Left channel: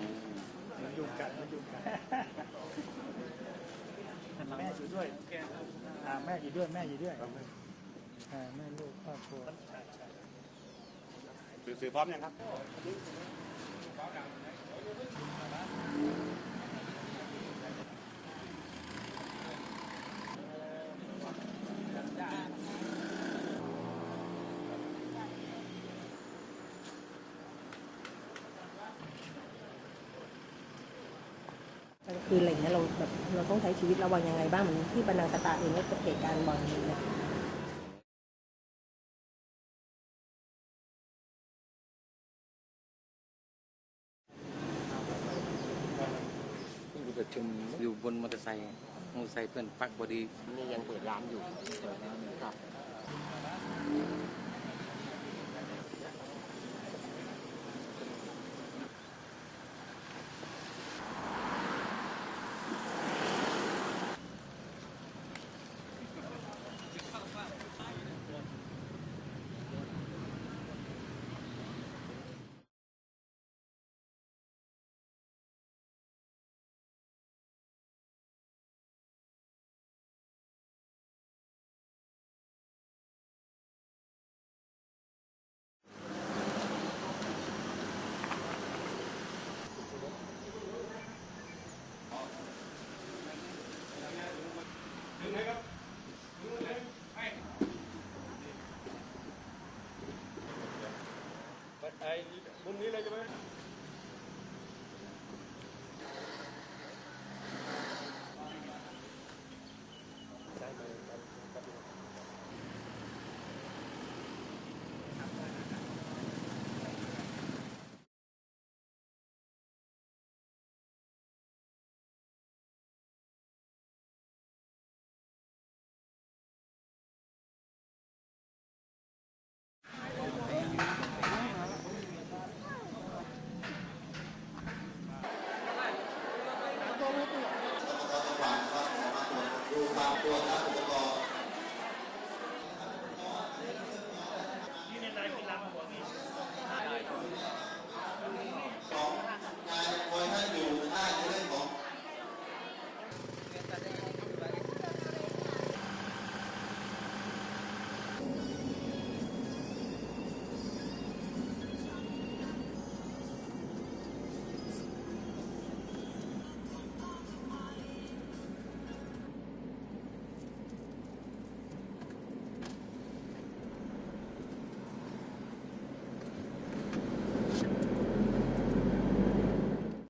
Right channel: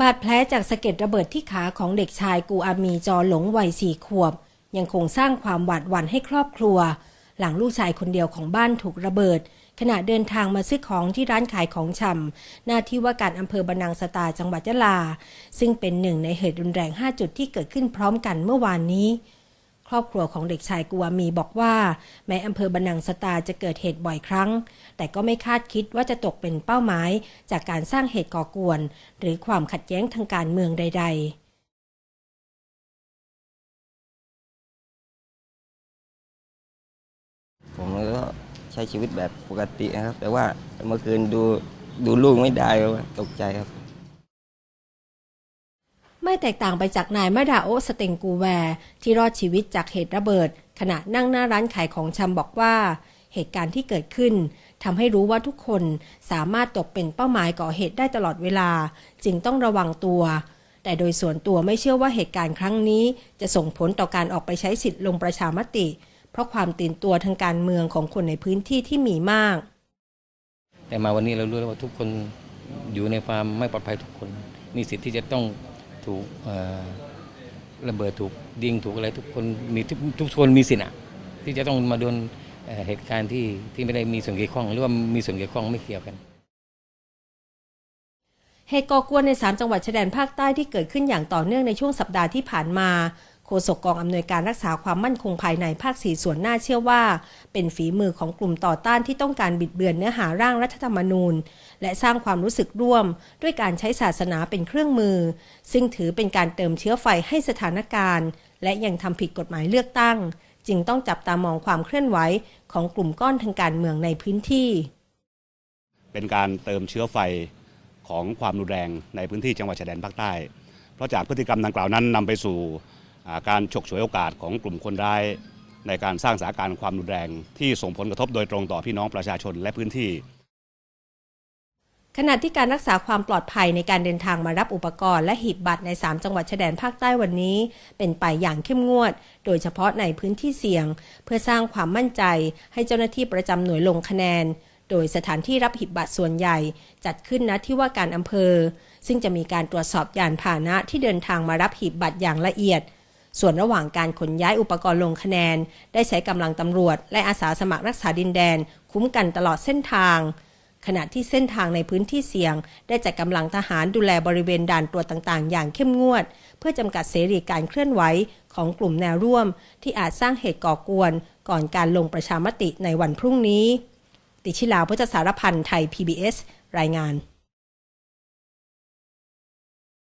บาดแผลจากสะเก็ดระเบิดที่ขาของเด็กชายกูอามีจอหลงวัยสี่ขวบ ยังคงสร้างความหวาดหวั่นให้ครอบครัว หลังลูกชายคนเดียวของบ้านถูกระเบิด ขณะเดินทางมาซื้อของที่ร้านขายของชำหน้าที่ว่าการอำเภอบรรนังสตาจังหวัดยะลา ซึ่งเป็นหนึ่งในเหตุรุนแรง 5 จุดที่เกิดขึ้นพร้อมกันเมื่อวานนี้ รอบครัวของเด็กชายกัวมีบอกว่า แม้อำเภอบรรนังสตาจะเกิดเหตุบ่อยครั้ง แต่ก็ไม่คาดคิดว่าจะตกเป็นเป้าหมาย จากการสร้างเหตุก่อกวน หรือความขัดแย้งทางการเมืองใด ๆกลางคืนอะไรอย่างเงี้ยเราแบบเราต้องใช้ชีวิตระวังยังไงบ้างเหมือนที่บรรนังสตาเองก็เกิดเหตุการณ์บ่อยเลยนะผมก็ใช้ชีวิตแบบปกตินะครับ แต่ว่าเมื่อคืนดูดูลูกไม่ได้ครับตกใจครับ ไม่แตกต่างไปจากนายมาดาโอสเตงกูแวร์ ที่รอดชีวิตจากเหตุระเบิด ขณะนั่งหน้าร้านขายของชำบอกว่า เหตุการณ์ที่เกิดขึ้นทำให้รู้ว่าทุกคนสามารถตกเป็นเป้าหมายก่อเหตุได้ตลอดเวลา จึงต้องระวังตัว แต่โดยส่วนตัวไม่เชื่อว่าเหตุการณ์ครั้งนี้ จะส่งผลต่อการออกไปใช้สิทธิ์ลงประชามติ เพราะความตื่นตัวทางการเมืองของคนในพื้นที่ที่มีมาก แต่มาวันนี้เรารู้แล้วว่าทุกคนอยู่ในความไม่ปลอดภัยทุกคน มีสิทธิ์ที่จะต้อง ถูกระเบิดถูกยิงถูกอะไรทุกคนมีทุกทุกคนมีสิทธิ์อะที่จะต้องมาโดนเอ่อเหตุการณ์ที่ที่ไม่ได้มีส่วนเกี่ยวข้อง หรือว่ามีส่วนเกี่ยวข้องไม่เกี่ยวกันเหตุก่อกวนใน 3 จังหวัดชายแดนภาคใต้ที่เกิดขึ้นอย่างต่อเนื่องในช่วงสัปดาห์ที่ผ่านมาโฆษกกองอำนวยการรักษาความมั่นคงภายในภาคสีส่วนหน้าเชื่อว่า เป็นฝีมือของกลุ่มต่อต้านที่ต้องการบิดเบือนเนื้อหาร่างรัฐธรรมนูญ และสร้างความรู้สึกร่วม ด้วยการใช้ศาสนาเป็นเครื่องมือ ซึ่งถือเป็นการเติมเชื้อไฟให้สถานการณ์ และยังทำผิดกฎหมายเลือกตั้ง จึงต้องจับตามองความเคลื่อนไหวของกลุ่มก้อนทางการเมืองในพื้นที่ เป็นการเติมเชื้อไฟของความรุนแรงในพื้นที่จังหวัดชายแดนภาคใต้ เพราะจากพฤติกรรมดังกล่าวนั้นนำไปสู่การฉกฉวยโอกาสของกลุ่มคนร้ายในการสร้างสถานการณ์ความรุนแรงที่ส่งผลกระทบโดยตรงต่อพี่น้องประชาชนและพื้นที่ ขณะที่การรักษาความปลอดภัยในการเดินทางมารับอุปกรณ์และหีบบัตรใน 3 จังหวัดชายแดนภาคใต้วันนี้ เป็นไปอย่างเข้มงวด โดยเฉพาะในพื้นที่เสี่ยง เพื่อสร้างความมั่นใจ ให้เจ้าหน้าที่ประจำหน่วยลงคะแนน โดยสถานที่รับหีบบัตรส่วนใหญ่ จัดขึ้นณที่ว่าการอำเภอ ซึ่งจะมีการตรวจสอบยานพาหนะที่เดินทางมารับหีบบัตรอย่างละเอียดส่วนระหว่างการขนย้ายอุปกรณ์ลงคะแนน ได้ใช้กำลังตำรวจ และอาสาสมัครรักษาดินแดน คุ้มกันตลอดเส้นทาง ขณะที่เส้นทางในพื้นที่เสี่ยง ได้จัดกำลังทหารดูแลบริเวณด่านตรวจต่างๆ อย่างเข้มงวด เพื่อจำกัดเสรีการเคลื่อนไหวของกลุ่มแนวร่วม ที่อาจสร้างเหตุก่อกวน ก่อนการลงประชามติในวันพรุ่งนี้ ติชิลาพุทธสารพันธ์ไทย PBS รายงาน